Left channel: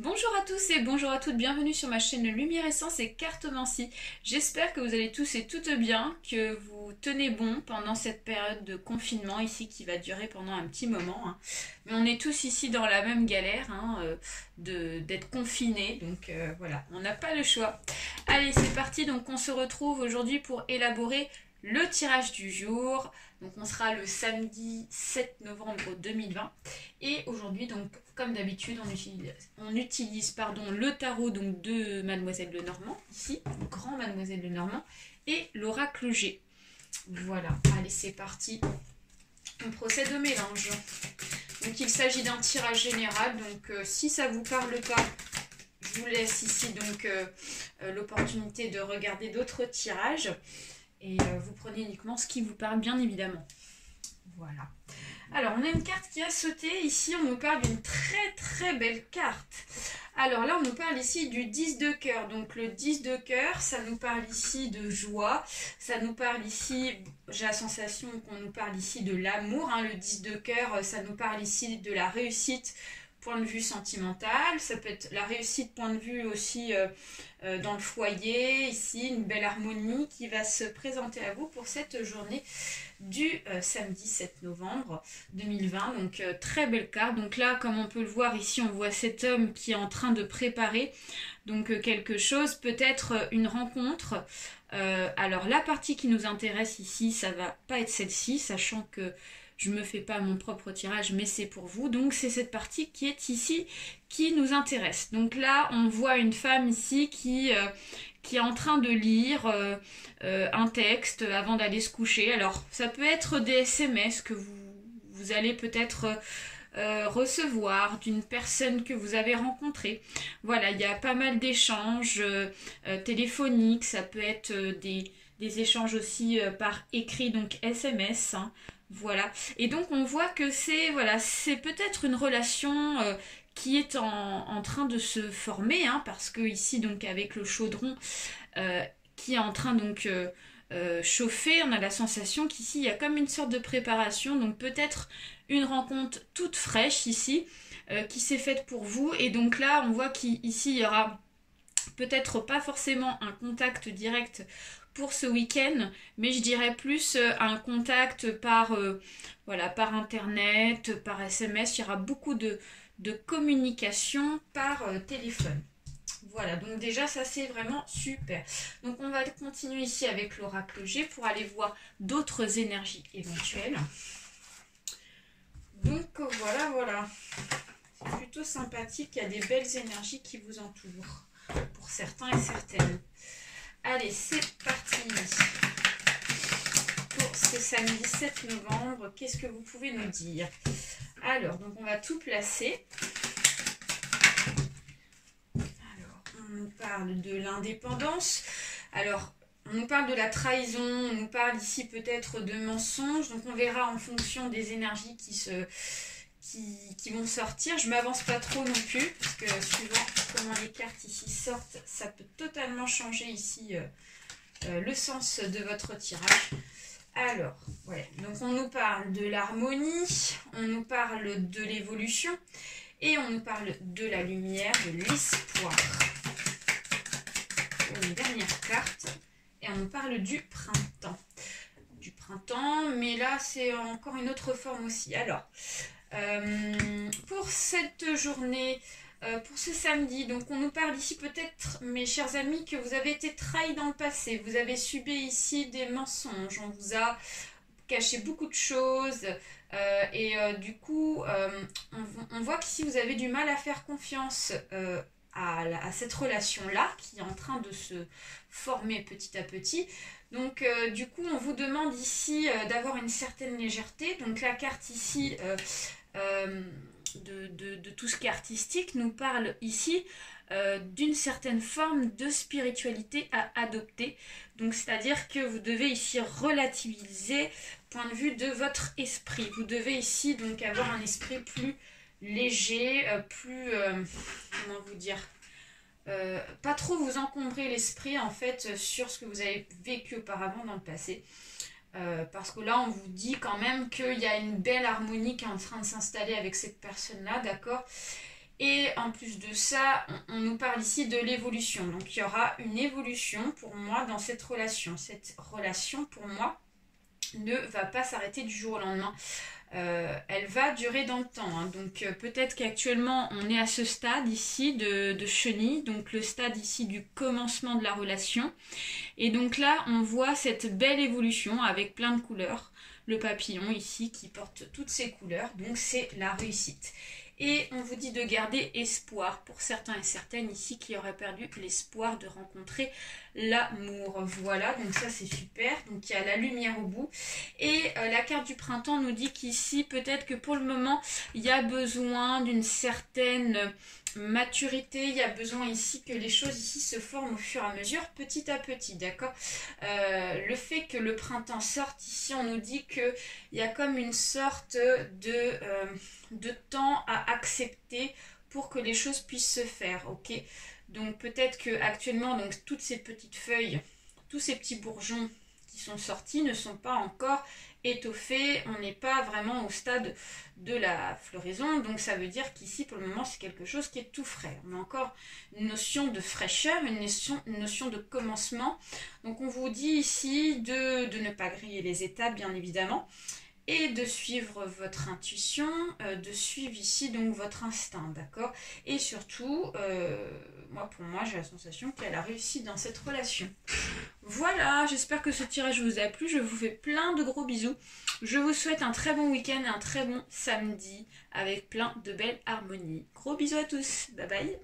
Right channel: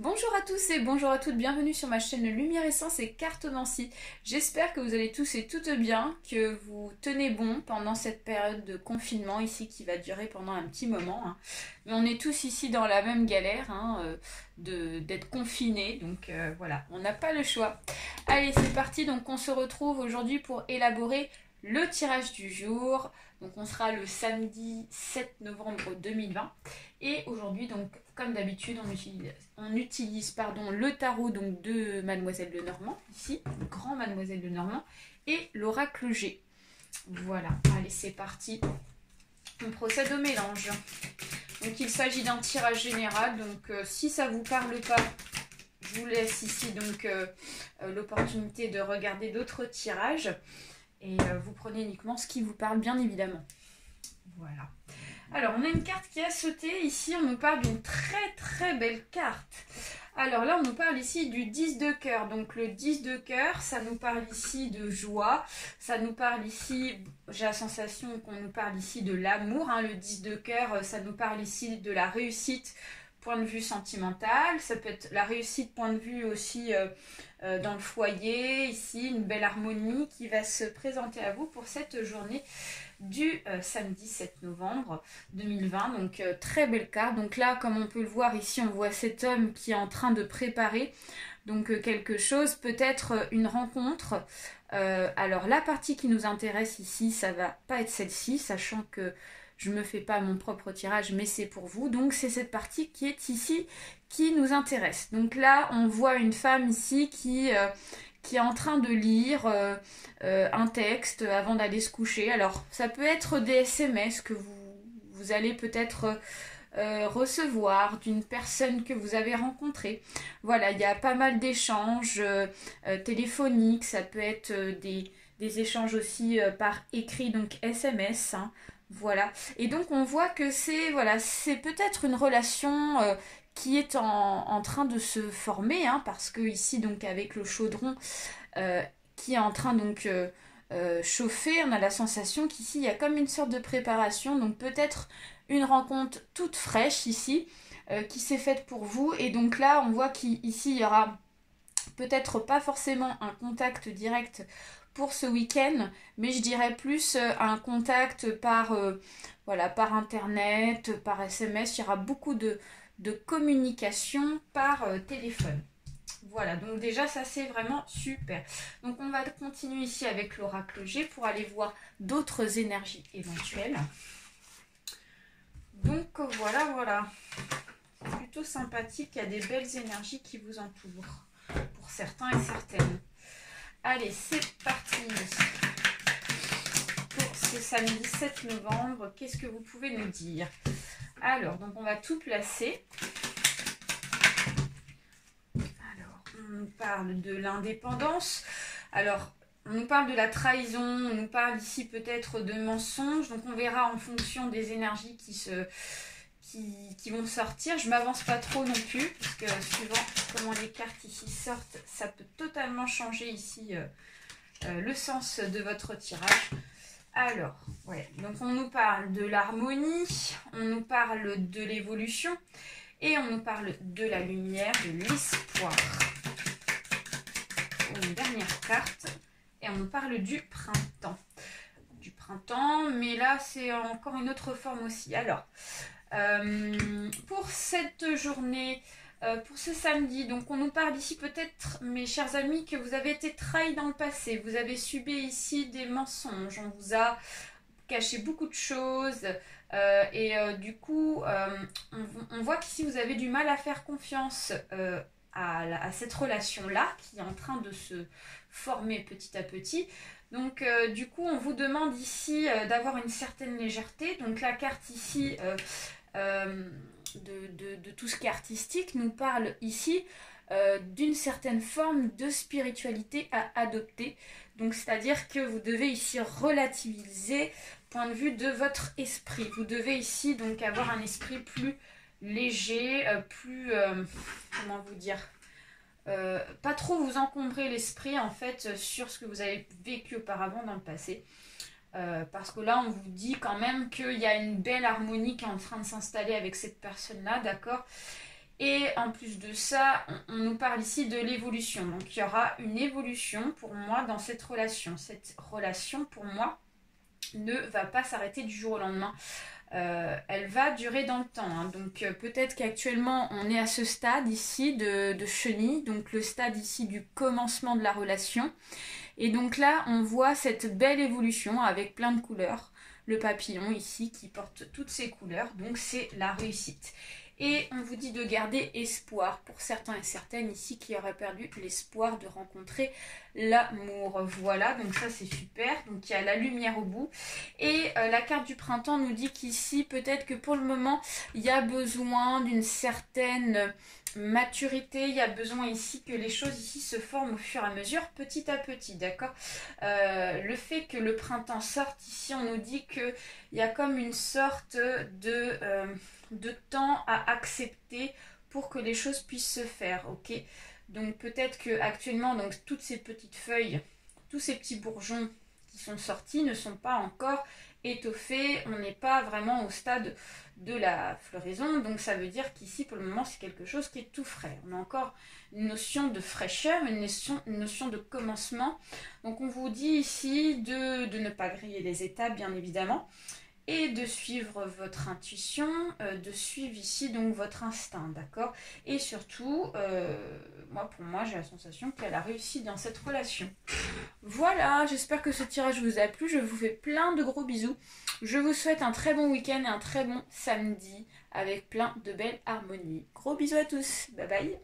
Bonjour à tous et bonjour à toutes, bienvenue sur ma chaîne Lumière Essence et Cartomancie. J'espère que vous allez tous et toutes bien, que vous tenez bon pendant cette période de confinement ici qui va durer pendant un petit moment. Mais on est tous ici dans la même galère d'être confinés, donc voilà, on n'a pas le choix. Allez, c'est parti, donc on se retrouve aujourd'hui pour élaborer le tirage du jour. Donc on sera le samedi 7 novembre 2020. Et aujourd'hui, donc, comme d'habitude, on utilise le tarot donc, de Mademoiselle Lenormand, ici, Grand Mademoiselle Lenormand, et l'oracle G. Voilà, allez, c'est parti. On procède au mélange. Donc, il s'agit d'un tirage général. Donc, si ça ne vous parle pas, je vous laisse ici donc l'opportunité de regarder d'autres tirages. Et vous prenez uniquement ce qui vous parle, bien évidemment. Voilà. Alors, on a une carte qui a sauté. Ici, on nous parle d'une très belle carte. Alors là, on nous parle ici du 10 de cœur. Donc, le 10 de cœur, ça nous parle ici de joie. Ça nous parle ici, j'ai la sensation qu'on nous parle ici de l'amour. Le 10 de cœur, ça nous parle ici de la réussite, point de vue sentimental. Ça peut être la réussite, point de vue aussi dans le foyer. Ici, une belle harmonie qui va se présenter à vous pour cette journée du samedi 7 novembre 2020. Donc très belle carte. Donc là, comme on peut le voir ici, on voit cet homme qui est en train de préparer donc quelque chose, peut-être une rencontre. Alors la partie qui nous intéresse ici, ça va pas être celle-ci, sachant que je me fais pas mon propre tirage, mais c'est pour vous. Donc c'est cette partie qui est ici qui nous intéresse. Donc là, on voit une femme ici qui est en train de lire un texte avant d'aller se coucher. Alors, ça peut être des SMS que vous allez peut-être recevoir d'une personne que vous avez rencontrée. Voilà, il y a pas mal d'échanges téléphoniques, ça peut être des échanges aussi par écrit, donc SMS. Voilà, et donc on voit que c'est peut-être une relation qui est en train de se former, parce que ici, donc avec le chaudron qui est en train donc chauffer, on a la sensation qu'ici il y a comme une sorte de préparation, donc peut-être une rencontre toute fraîche ici qui s'est faite pour vous. Et donc là on voit qu'ici il y aura peut-être pas forcément un contact direct pour ce week-end, mais je dirais plus un contact par internet, par SMS. Il y aura beaucoup de communication par téléphone. Voilà, donc déjà ça c'est vraiment super. Donc on va continuer ici avec l'oracle G pour aller voir d'autres énergies éventuelles. Donc voilà. C'est plutôt sympathique, il y a des belles énergies qui vous entourent, pour certains et certaines. Allez, c'est parti. Pour ce samedi 7 novembre, qu'est-ce que vous pouvez nous dire? Alors, donc on va tout placer. On nous parle de l'indépendance. Alors, on nous parle de la trahison, on nous parle ici peut-être de mensonges. Donc, on verra en fonction des énergies qui vont sortir. Je ne m'avance pas trop non plus, parce que suivant comment les cartes ici sortent, ça peut totalement changer ici le sens de votre tirage. Alors, ouais, donc on nous parle de l'harmonie, on nous parle de l'évolution et on nous parle de la lumière, de l'espoir. Une dernière carte et on nous parle du printemps. Mais là c'est encore une autre forme aussi. Alors, pour cette journée, pour ce samedi, donc on nous parle ici peut-être, mes chers amis, que vous avez été trahis dans le passé. Vous avez subi ici des mensonges, on vous a caché beaucoup de choses du coup on voit qu'ici vous avez du mal à faire confiance à cette relation-là qui est en train de se former petit à petit. Donc du coup on vous demande ici d'avoir une certaine légèreté. Donc la carte ici de tout ce qui est artistique nous parle ici d'une certaine forme de spiritualité à adopter. Donc c'est-à-dire que vous devez ici relativiser point de vue de votre esprit. Vous devez ici donc avoir un esprit plus léger, plus comment vous dire, pas trop vous encombrer l'esprit en fait sur ce que vous avez vécu auparavant dans le passé. Parce que là on vous dit quand même qu'il y a une belle harmonie qui est en train de s'installer avec cette personne là, d'accord. Et en plus de ça, on nous parle ici de l'évolution. Donc il y aura une évolution pour moi dans cette relation. Cette relation pour moi ne va pas s'arrêter du jour au lendemain. Elle va durer dans le temps. Hein. Donc peut-être qu'actuellement on est à ce stade ici de chenille, donc le stade ici du commencement de la relation. Et donc là on voit cette belle évolution avec plein de couleurs. Le papillon ici qui porte toutes ces couleurs, donc c'est la réussite. Et on vous dit de garder espoir pour certains et certaines ici qui auraient perdu l'espoir de rencontrer l'amour. Voilà, donc ça c'est super. Donc il y a la lumière au bout. Et la carte du printemps nous dit qu'ici, peut-être que pour le moment, il y a besoin d'une certaine maturité. Il y a besoin ici que les choses ici se forment au fur et à mesure, petit à petit, d'accord. Le fait que le printemps sorte, ici on nous dit qu'il y a comme une sorte de temps à accepter pour que les choses puissent se faire, ok. Donc peut-être que actuellement, donc toutes ces petites feuilles, tous ces petits bourgeons qui sont sortis ne sont pas encore étoffés, on n'est pas vraiment au stade de la floraison, donc ça veut dire qu'ici pour le moment c'est quelque chose qui est tout frais. On a encore une notion de fraîcheur, une notion de commencement, donc on vous dit ici de ne pas griller les étapes bien évidemment, et de suivre votre intuition, de suivre ici donc votre instinct, d'accord. Et surtout, pour moi j'ai la sensation qu'elle a réussi dans cette relation. Voilà, j'espère que ce tirage vous a plu, je vous fais plein de gros bisous. Je vous souhaite un très bon week-end, un très bon samedi, avec plein de belles harmonies. Gros bisous à tous, bye bye.